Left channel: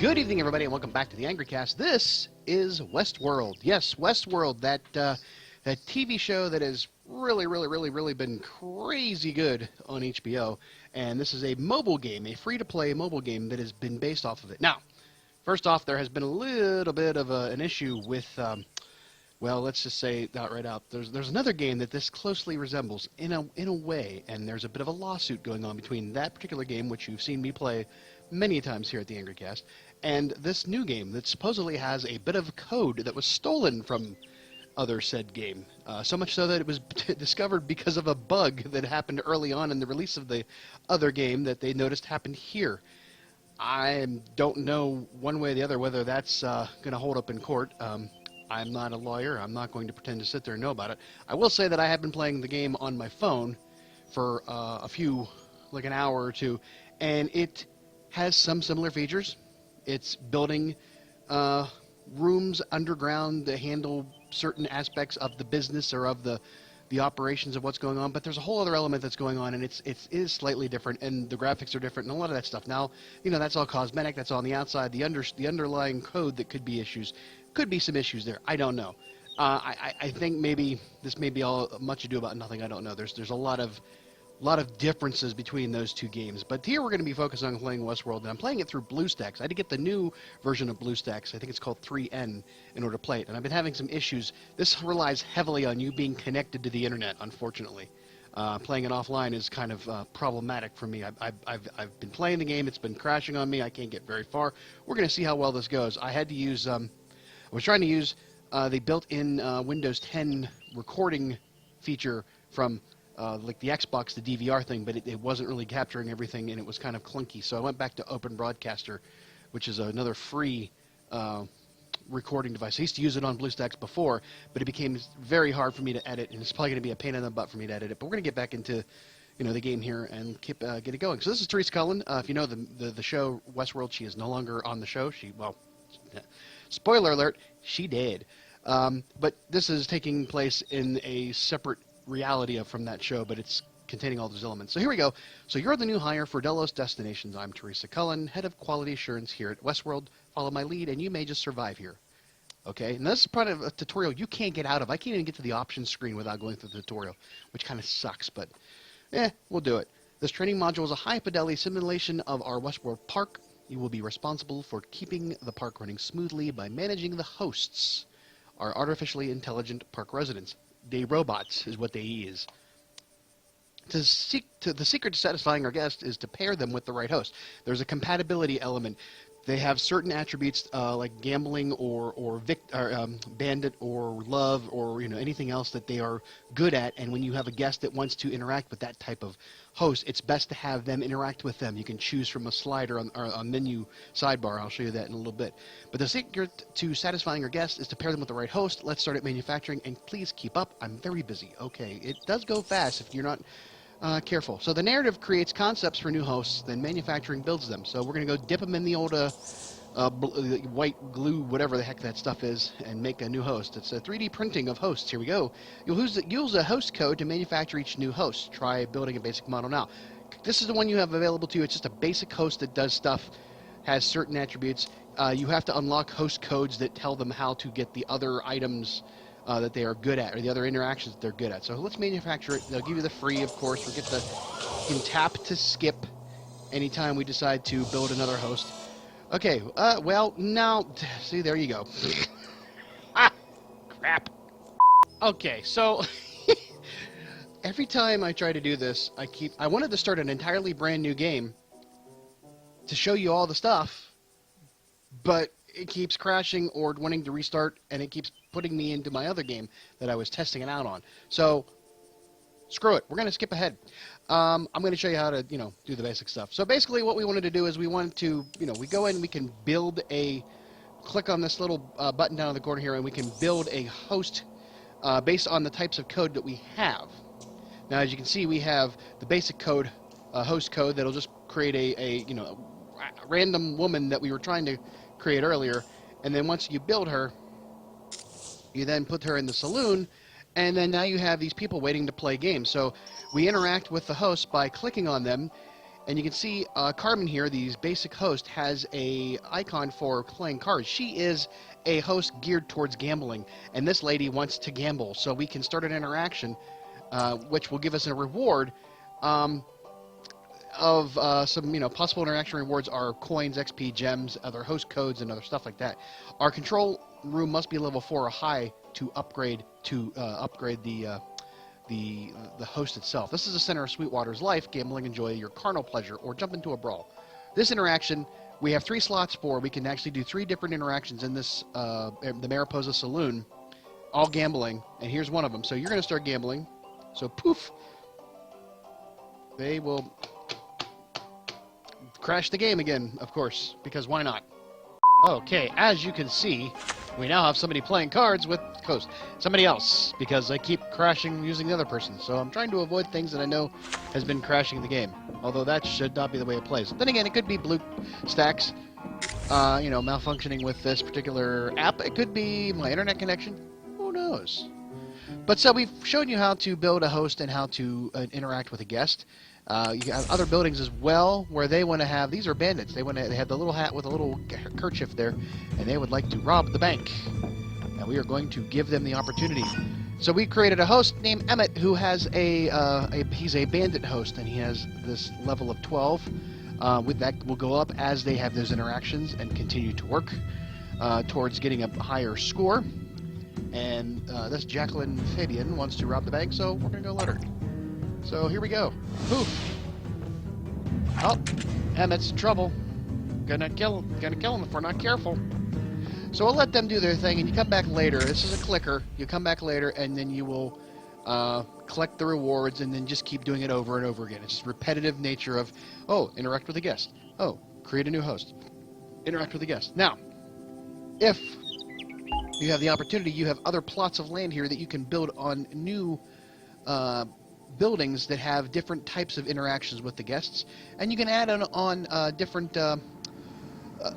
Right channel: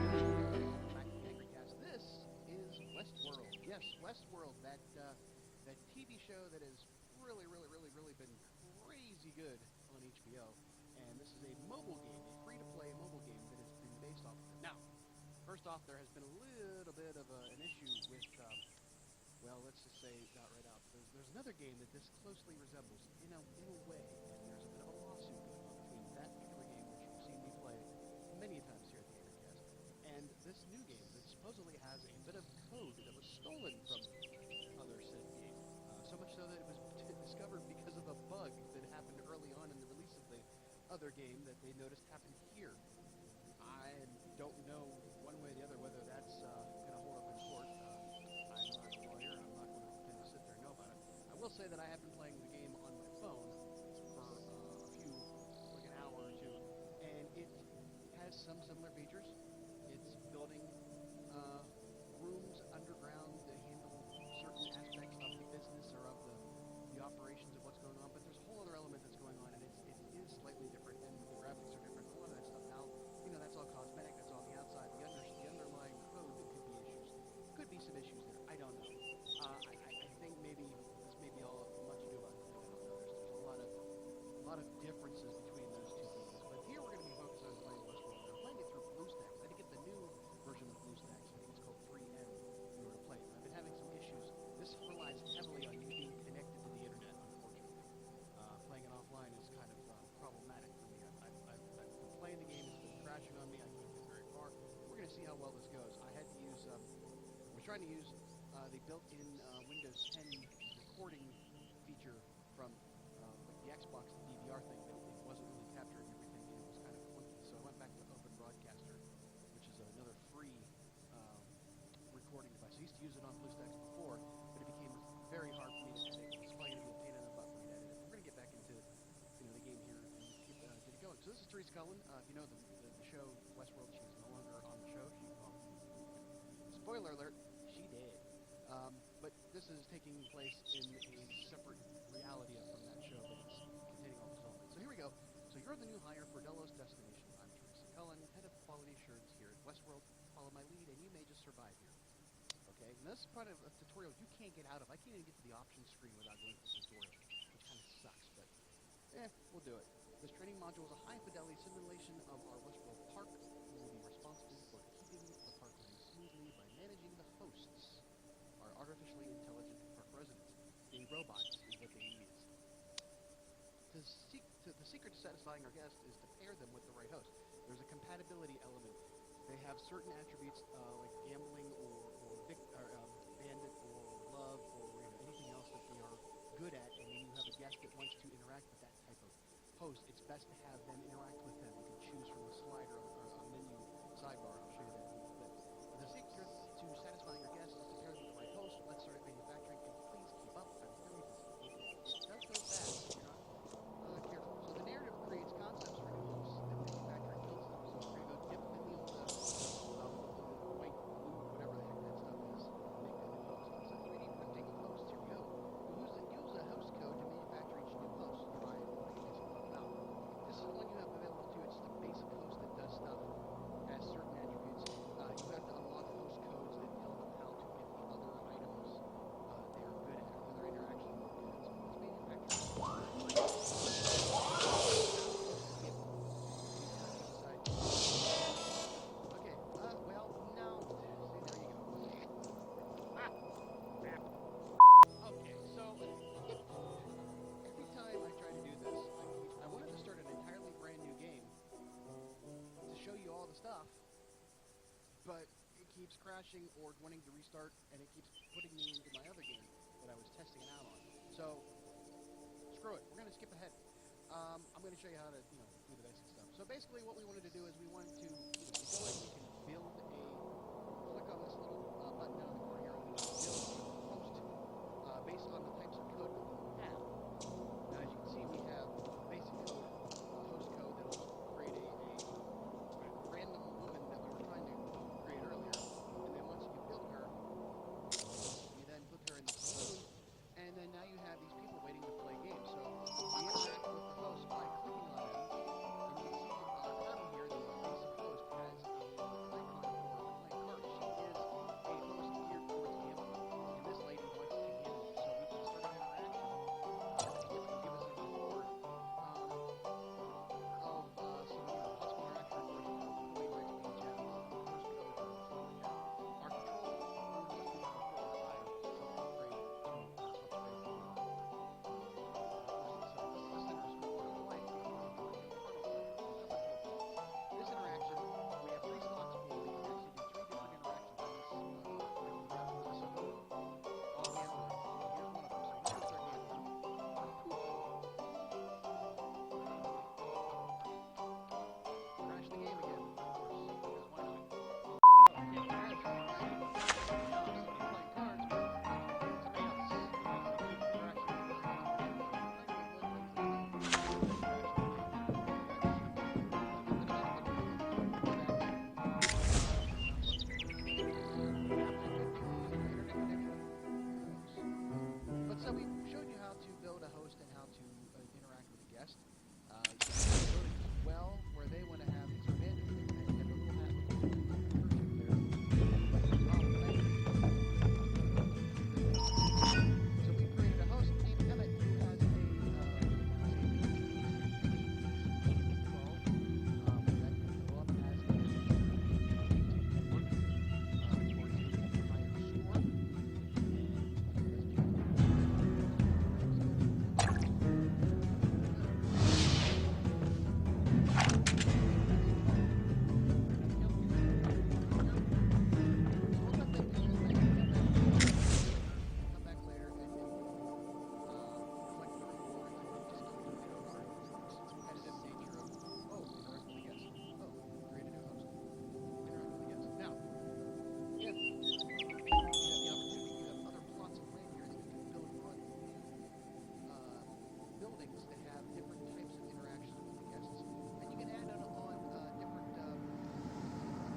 Good evening, everybody, and welcome back to the Angry Cast. This is Westworld. Yes, Westworld, that TV show that has really been crazy good on HBO. And this is a mobile game, a free-to-play mobile game that has been based off of it. Now, first off, there has been a little bit of an issue with, well, let's just say that right out. There's another game that this closely resembles in a way, and there's a bit of a lawsuit going on between that particular game, which you've seen me play many times here at the Angry Cast, and this new game that supposedly has a bit of code that was stolen from other said game. So much so that it was discovered because of a bug that happened early on in the release of the other game that they noticed happened here. I don't know one way or the other whether that's going to hold up in court. I'm not a lawyer. I'm not going to pretend to sit there and know about it. I will say that I have been playing the game on my phone for like an hour or two, and it has some similar features. It's building rooms underground to handle certain aspects of the business or of the operations of what's going on, but there's a whole other element that's going on, and it is slightly different, and the graphics are different, and a lot of that stuff. Now, you know, that's all cosmetic, that's all on the outside. The underlying code that could be issues, could be some issues there. I don't know. I think maybe this may be all much ado about nothing. I don't know. There's a lot of differences between those two games. But here we're going to be focused on playing Westworld, and I'm playing it through Bluestacks. I had to get the new version of Bluestacks. I think it's called 3N in order to play it, and I've been having some issues. This relies heavily on you being connected to the internet, unfortunately. Playing it offline is kind of problematic for me. I've been playing the game. It's been crashing on me. I can't get very far. We're going to see how well this goes. I had to use, I was trying to use the built-in Windows 10 recording feature from like the Xbox, the DVR thing, but it wasn't really capturing everything, and it was kind of clunky. So I went back to Open Broadcaster, which is another free recording device. I used to use it on Bluestacks before, but it became very hard for me to edit, and it's probably going to be a pain in the butt for me to edit it. But we're going to get back into, you know, the game here and get it going. So this is Teresa Cullen. If you know the show Westworld, she is no longer on the show. Well, spoiler alert, she did. But this is taking place in a separate reality from that show, but it's containing all those elements. So here we go. So you're the new hire for Delos Destinations. I'm Teresa Cullen, head of quality assurance here at Westworld. Follow my lead, and you may just survive here. Okay, and this is part of a tutorial you can't get out of. I can't even get to the options screen without going through the tutorial, which kind of sucks, but we'll do it. This training module is a high-fidelity simulation of our Westworld park. You will be responsible for keeping the park running smoothly by managing the hosts, our artificially intelligent park residents. They robots is what they is. The secret to satisfying our guests is to pair them with the right host. There's a compatibility element. They have certain attributes like gambling or bandit or love or anything else that they are good at. And when you have a guest that wants to interact with that type of host, it's best to have them interact with them. You can choose from a slider on menu sidebar. I'll show you that in a little bit. But the secret to satisfying our guests is to pair them with the right host. Let's start at manufacturing, and please keep up. I'm very busy. Okay, it does go fast if you're not careful. So the narrative creates concepts for new hosts, then manufacturing builds them. So we're going to go dip them in the old white glue, whatever the heck that stuff is, and make a new host. It's a 3D printing of hosts. Here we go. You'll use a host code to manufacture each new host. Try building a basic model now. This is the one you have available to you. It's just a basic host that does stuff, has certain attributes. You have to unlock host codes that tell them how to get the other items that they are good at, or the other interactions that they're good at. So let's manufacture it. They'll give you the free, of course. We can tap to skip anytime we decide to build another host. Okay, well, now, see, there you go. Ah, crap. Okay, so every time I try to do this, I wanted to start an entirely brand new game to show you all the stuff, but it keeps crashing or wanting to restart, and it keeps putting me into my other game that I was testing it out on. So, screw it. We're going to skip ahead. I'm going to show you how to, do the basic stuff. So basically what we wanted to do is we wanted to, we go in, we can build click on this little button down in the corner here, and we can build a host based on the types of code that we have. Now, as you can see, we have the basic code, host code, that'll just create a random woman that we were trying to create earlier, and then once you build her, you then put her in the saloon, and then now you have these people waiting to play games. So we interact with the host by clicking on them. And you can see Carmen here, the basic host, has a icon for playing cards. She is a host geared towards gambling, and this lady wants to gamble. So we can start an interaction, which will give us a reward of some, possible interaction rewards are coins, XP, gems, other host codes, and other stuff like that. Our control room must be level 4 or high to upgrade the host itself. This is the center of Sweetwater's life. Gambling, enjoy your carnal pleasure, or jump into a brawl. This interaction, we have 3 slots for. We can actually do 3 different interactions in this, the Mariposa Saloon, all gambling, and here's one of them. So you're going to start gambling. So poof, they will crash the game again, of course, because why not? Okay, as you can see, we now have somebody playing cards with host. Somebody else, because I keep crashing using the other person. So I'm trying to avoid things that I know has been crashing the game. Although that should not be the way it plays. Then again, it could be Bluestacks, malfunctioning with this particular app. It could be my internet connection. Who knows? But so we've shown you how to build a host and how to interact with a guest. You have other buildings as well where they want to have. These are bandits. They have the little hat with a little kerchief there, and they would like to rob the bank. And we are going to give them the opportunity. So we created a host named Emmett who has he's a bandit host, and he has this level of 12. With that will go up as they have those interactions and continue to work towards getting a higher score. And this Jacqueline Fabian wants to rob the bank, so we're going to go let her. So here we go. Poof. Oh, Emmett's in trouble. Gonna kill him if we're not careful. So we'll let them do their thing, and you come back later. This is a clicker. You come back later, and then you will collect the rewards, and then just keep doing it over and over again. It's just repetitive nature of, oh, interact with a guest. Oh, create a new host. Interact with a guest. Now, if you have the opportunity, you have other plots of land here that you can build on new buildings that have different types of interactions with the guests, and you can add on different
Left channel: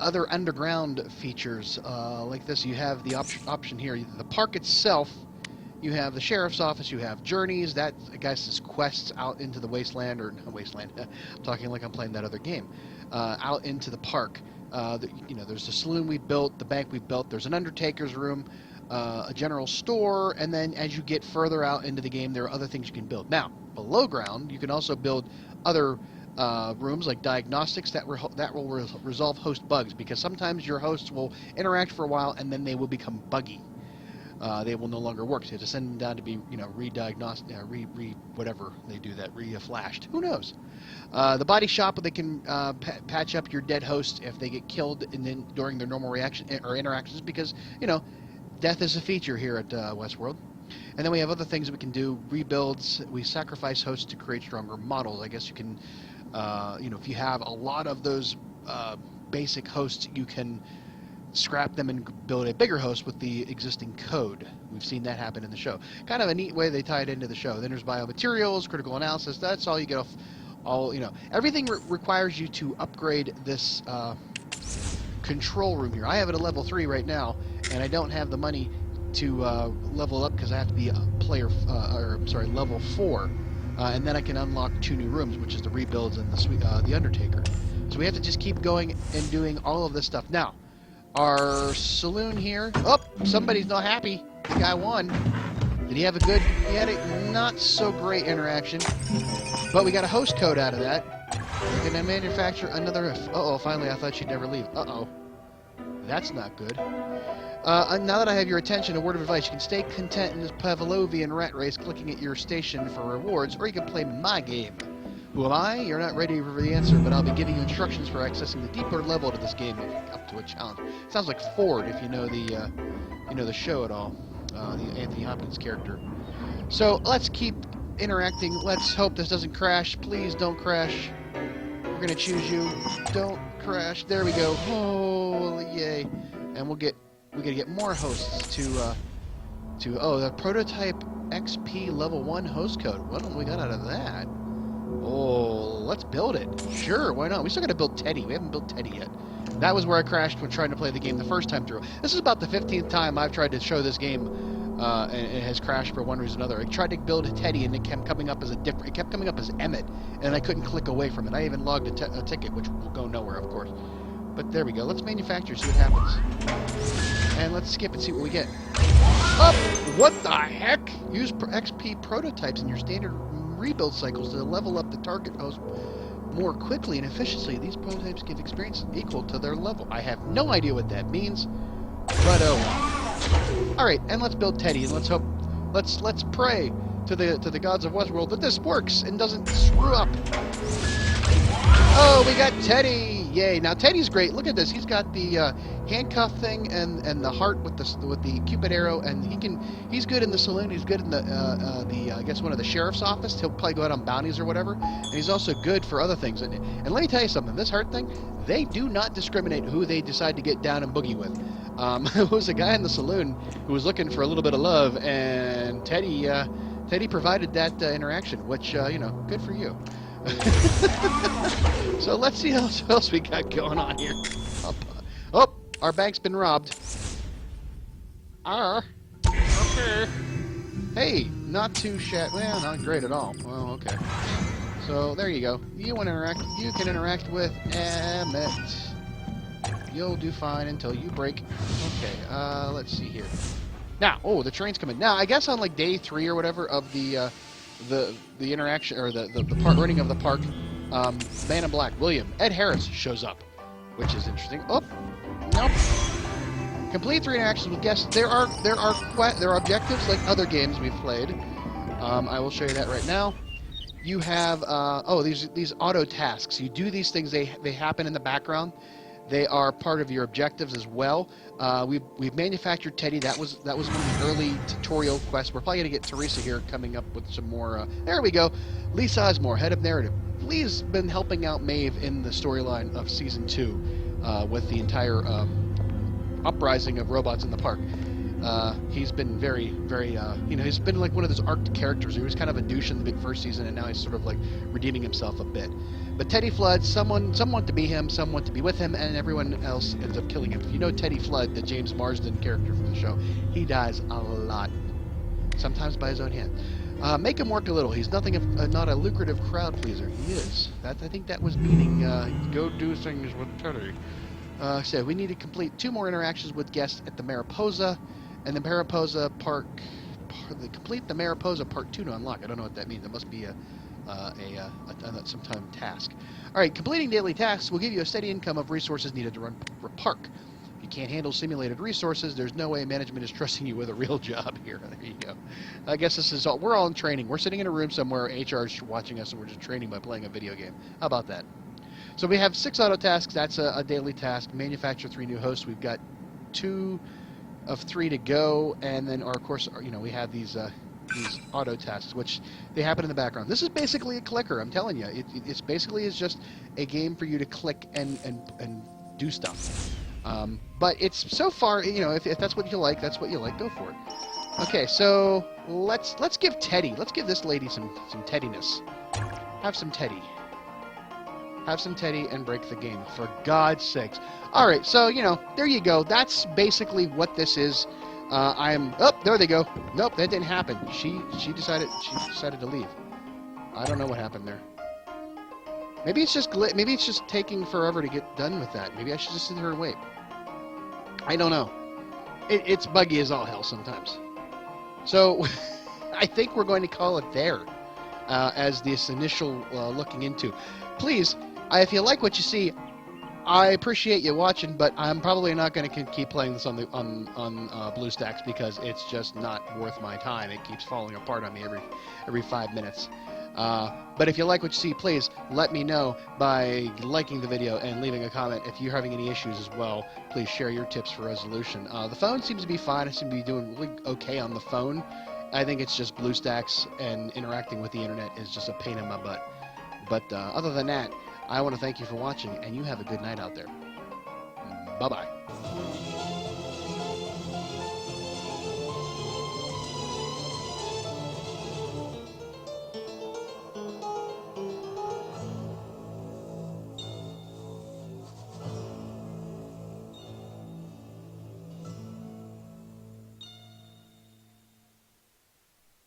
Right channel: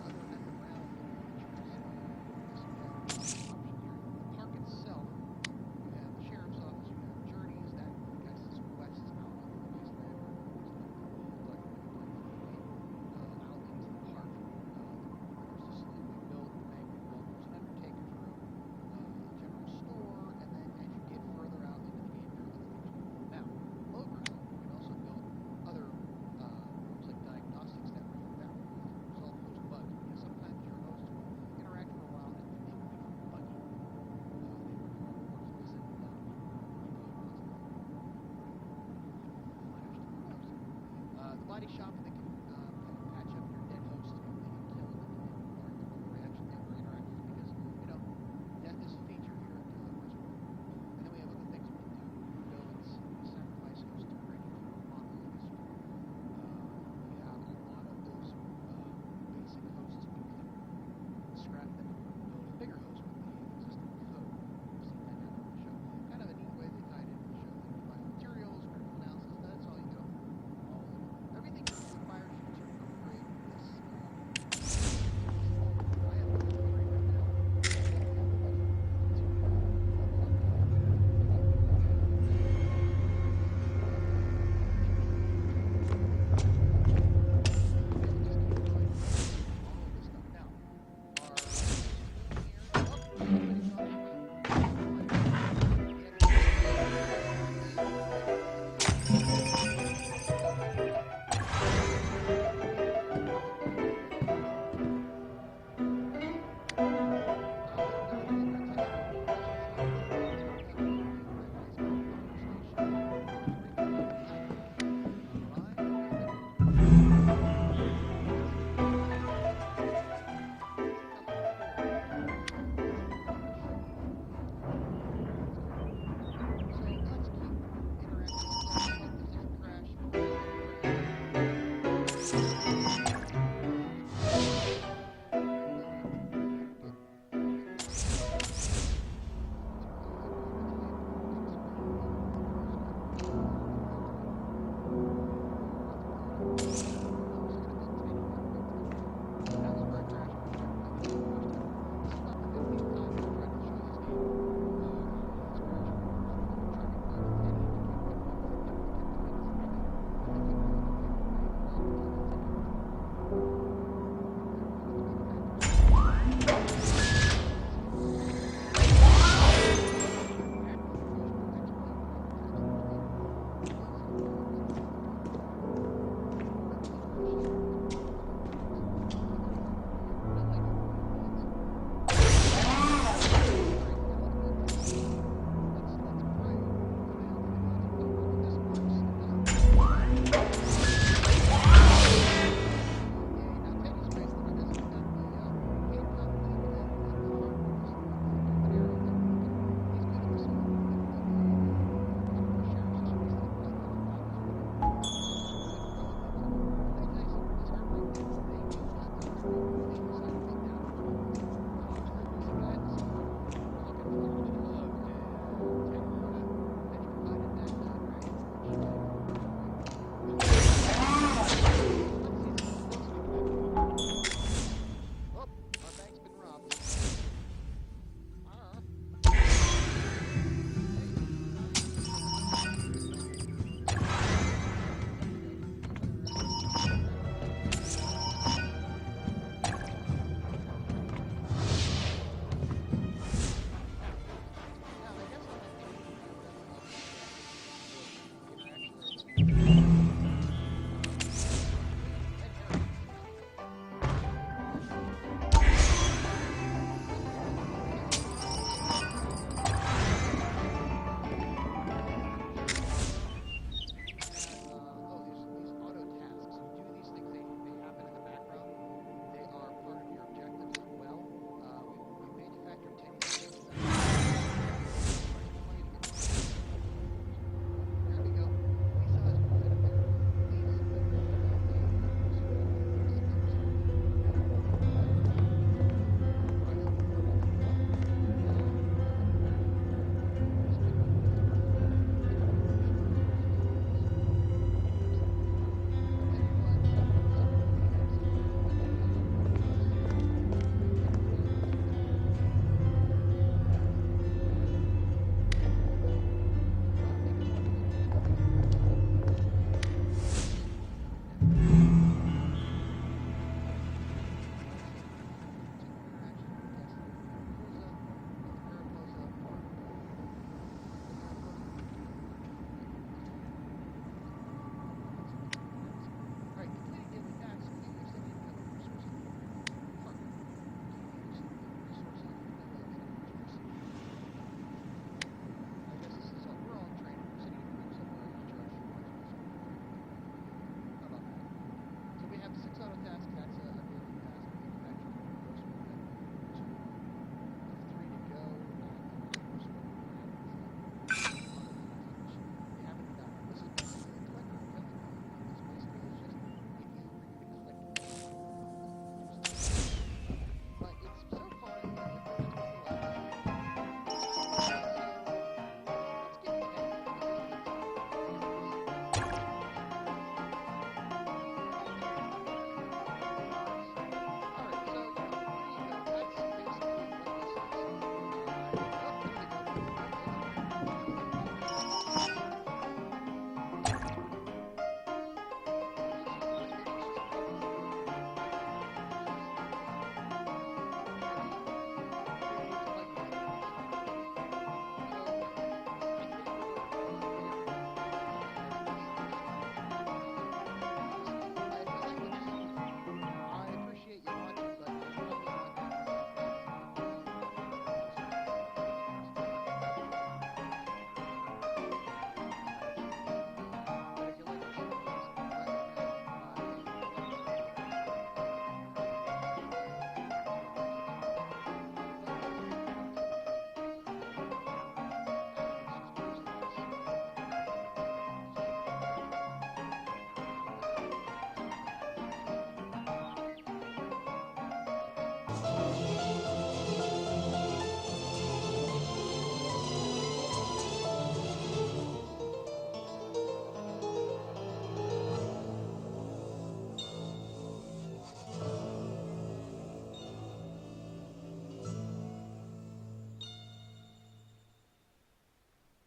other underground features like this. You have the option here, the park itself. You have the sheriff's office. You have journeys. That, I guess, is quests out into the wasteland, or not wasteland. I'm talking like I'm playing that other game. Out into the park. There's the saloon we built, the bank we built. There's an undertaker's room. A general store, and then as you get further out into the game, there are other things you can build. Now, below ground, you can also build other rooms like diagnostics that will resolve host bugs, because sometimes your hosts will interact for a while and then they will become buggy. They will no longer work. So you have to send them down to be, re-diagnosed, whatever they do that, re-flashed. Who knows? The body shop, where they can patch up your dead host if they get killed during their normal reaction or interactions, because, death is a feature here at Westworld. And then we have other things we can do, rebuilds. We sacrifice hosts to create stronger models. I guess you can, if you have a lot of those basic hosts, you can scrap them and build a bigger host with the existing code. We've seen that happen in the show. Kind of a neat way they tie it into the show. Then there's biomaterials, critical analysis. That's all you get off. Everything requires you to upgrade this control room here. I have it at level 3 right now, and I don't have the money to level up because I have to be level 4, and then I can unlock 2 new rooms, which is the rebuilds and the Undertaker. So we have to just keep going and doing all of this stuff. Now, our saloon here. Oh, somebody's not happy. The guy won. Did he have a good? He had a not so great interaction, but we got a host code out of that. And then manufacture another. Uh-oh, finally I thought she'd never leave. Uh-oh. That's not good. Now that I have your attention, a word of advice. You can stay content in this Pavlovian rat race, clicking at your station for rewards, or you can play my game. Who am I? You're not ready for the answer, but I'll be giving you instructions for accessing the deeper level of this game up to a challenge. It sounds like Ford, if you know the show at all, the Anthony Hopkins character. So let's keep interacting. Let's hope this doesn't crash. Please don't crash. We're gonna choose you. Don't crash. There we go. Oh, yay! And we're gonna get more hosts to the prototype XP level 1 host code. What have we got out of that? Oh, let's build it. Sure, why not? We still gotta build Teddy. We haven't built Teddy yet. That was where I crashed when trying to play the game the first time through. This is about the 15th time I've tried to show this game and it has crashed for one reason or another. I tried to build a Teddy, and it kept coming up as it kept coming up as Emmett, and I couldn't click away from it. I even logged a ticket, which will go nowhere, of course. But there we go. Let's manufacture, see what happens. And let's skip and see what we get. Oh, what the heck? Use XP prototypes in your standard rebuild cycles to level up the target host more quickly and efficiently. These prototypes give experience equal to their level. I have no idea what that means. But, all right, and let's build Teddy, and let's hope, let's pray to the gods of Westworld that this works and doesn't screw up. Oh, we got Teddy! Yay! Now Teddy's great. Look at this. He's got the handcuff thing and the heart with the Cupid arrow, and he's good in the saloon. He's good in the I guess one of the sheriff's office. He'll probably go out on bounties or whatever. And he's also good for other things. And let me tell you something. This heart thing, they do not discriminate who they decide to get down and boogie with. There was a guy in the saloon who was looking for a little bit of love, and Teddy provided that interaction, which good for you. So let's see what else we got going on here. Oh, our bank's been robbed. Hey, not too well, not great at all. Well, okay. So there you go. You can interact with Emmett. You'll do fine until you break. Okay, let's see here. Now, the train's coming. Now, I guess on like day 3 or whatever of the interaction, or the running of the park, Man in Black, Ed Harris shows up, which is interesting. Oh, nope. Complete 3 interactions with guests. There are objectives like other games we've played. I will show you that right now. You have these auto tasks. You do these things. They happen in the background. They are part of your objectives as well. We've manufactured Teddy. That was an early tutorial quest. We're probably gonna get Teresa here coming up with some more. There we go. Lee Sizemore, head of narrative. Lee's been helping out Maeve in the storyline of season 2 with the entire uprising of robots in the park. He's been very, very, he's been like one of those arc characters. He was kind of a douche in the first season, and now he's sort of like redeeming himself a bit. But Teddy Flood, some want to be him, some want to be with him, and everyone else ends up killing him. If you know Teddy Flood, the James Marsden character from the show, he dies a lot, sometimes by his own hand. Make him work a little. He's nothing if not a lucrative crowd pleaser. He is. I think that was meaning go do things with Teddy. So we need to complete 2 more interactions with guests at the Mariposa, and the Mariposa Park. Complete the Mariposa Part 2 to unlock. I don't know what that means. It must be some time task. All right, completing daily tasks will give you a steady income of resources needed to run the park. If you can't handle simulated resources, there's no way management is trusting you with a real job here. There you go. I guess this is all. We're all in training. We're sitting in a room somewhere. HR is watching us, and we're just training by playing a video game. How about that? So we have 6 auto tasks. That's a daily task. Manufacture 3 new hosts. We've got 2 of 3 to go, and then, of course, we have these auto tasks, which they happen in the background. This is basically a clicker. I'm telling you, it's basically is just a game for you to click and do stuff. But it's so far, if that's what you like, that's what you like. Go for it. Okay, so let's give Teddy. Let's give this lady some Teddiness. Have some Teddy. Have some Teddy and break the game, for God's sakes. All right, so, there you go. That's basically what this is. There they go. Nope, that didn't happen. She decided to leave. I don't know what happened there. Maybe it's just taking forever to get done with that. Maybe I should just sit here and wait. I don't know. It's buggy as all hell sometimes. So, I think we're going to call it there as this initial looking into. Please, if you like what you see, I appreciate you watching, but I'm probably not going to keep playing this on Bluestacks because it's just not worth my time. It keeps falling apart on me every 5 minutes. But if you like what you see, please let me know by liking the video and leaving a comment. If you're having any issues as well, please share your tips for resolution. The phone seems to be fine. I seem to be doing really okay on the phone. I think it's just Bluestacks, and interacting with the internet is just a pain in my butt. But other than that, I want to thank you for watching, and you have a good night out there. Bye-bye.